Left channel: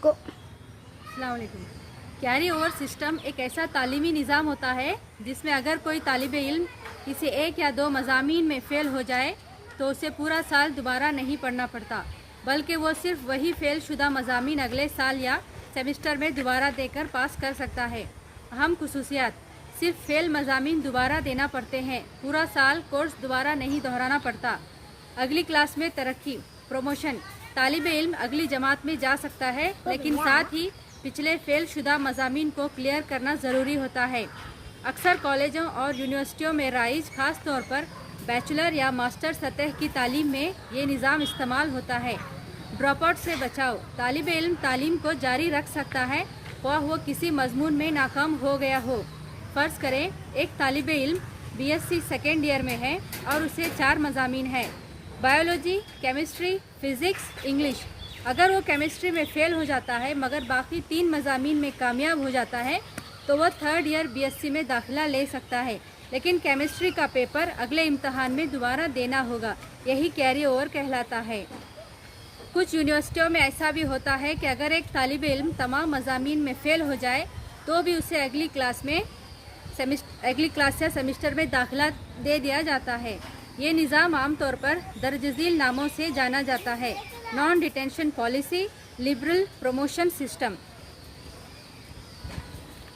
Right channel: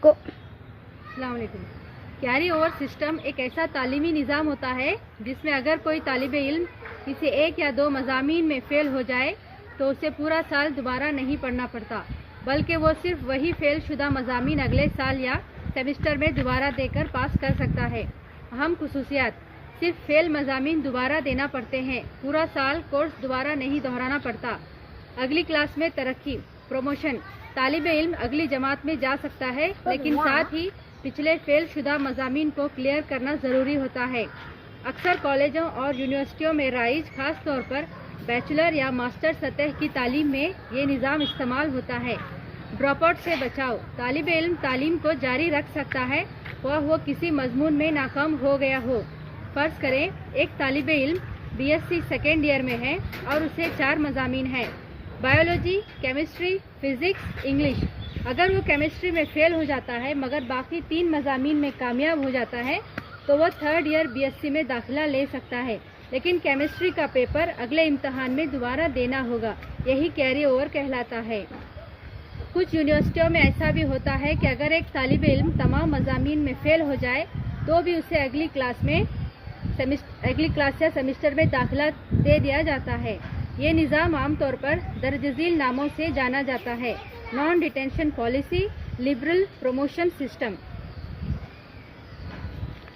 को अस्सलाम वालेकुम। कैरी ओवर सिस्टम एक ऐसा तालीमी निज़ाम होता है जिसमें अगर कोई तालिब इल्म किसी एक या दो मज़ामीन में फ़ेल हो जाए तो उसे पूरा साल दोबारा नहीं पढ़ना पड़ता, बल्कि वो सिर्फ वही फ़ेल शुदा मज़ामीन अगले साल या सेमेस्टर में दोबारा देकर पास कर सकता है। अहम खुसूसियात: सिर्फ फ़ेल मज़ामीन दोबारा देना पड़ते हैं, पूरा साल कोर्स दोबारा नहीं दोहराना पड़ता। अगली क्लास में तरक्की प्रमोशन: तालिब इल्म अगली जमात में जा सकता है, लेकिन साथ ही पिछले फेल शुदा मज़ामीन को क्लियर करना ज़रूरी होता है। अक्सर कॉलेजों और यूनिवर्सिटियों में राइज ख़ास तौर पर बैचलर या मास्टर सतह की तालीम में ये निज़ाम इस्तेमाल होता है। ड्रॉप आउट से बचाव: तालिब इल्म तालीम को जारी रख सकता है वो किसी मजमून में नाकाम हो गया हो। फ़र्ज़ करें एक तालिब इल्म BSc सेकेंड ईयर में है और उसे 4 मज़ामीन हैं: बायोलॉजी, केमिस्ट्री, फ़िज़िक्स, इंग्लिश। अगर वो केमिस्ट्री में फ़ेल हो जाता है मगर बाकी 3 मज़ामीन में कामयाब हो जाता है तो वह थर्ड ईयर BSc में दाखिला ले सकता है, लेकिन केमिस्ट्री का पेपर अगले इम्तहान में दोबारा देना होगा। यही कैरी ओवर कहलाता है। कुछ यूनिवर्सिटियों में ऐसा भी होता है कि अगर एक तालिब इल्म तमाम मज़ामीन में फ़ेल हो जाए तो भी उसे अगली क्लास या सेमेस्टर में दाखिला दे दिया जाता है। ये निज़ाम आमतौर पर दरजज़ील नामों से जाना जाता है: non detention policy, liberal promotion system.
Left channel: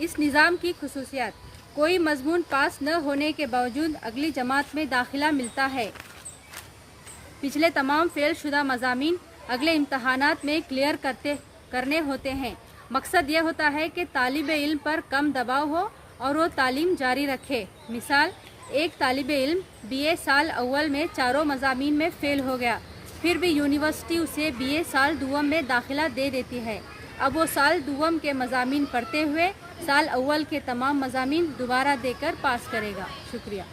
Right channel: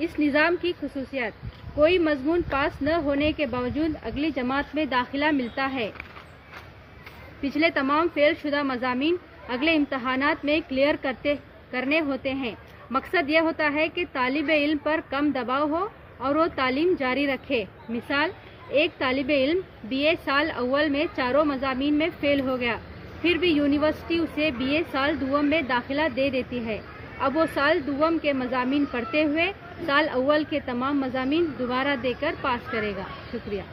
इस निज़ाम की खुसूसियात: कोई मजमून पास न होने के बावजूद अगली जमात में दाखिला मिलता है। पिछले तमाम फेल शुदा मज़ामीन अगले इम्तहानात में क्लियर करने होते हैं। मकसद यह होता है कि तालिब इल्म पर कम दबाव हो और वो तालीम जारी रखे। मिसाल: एक तालिब इल्म BA साल अव्वल में चारों मज़ामीन में फ़ेल हो गया, फिर भी यूनिवर्सिटी उसे BA साल दुवम में दाखिला दे देती है। अब वो साल दुवम के मज़ामीन पढ़ते हुए साल अव्वल के तमाम मज़ामीन दोबारा देकर पास करेगा। शुक्रिया।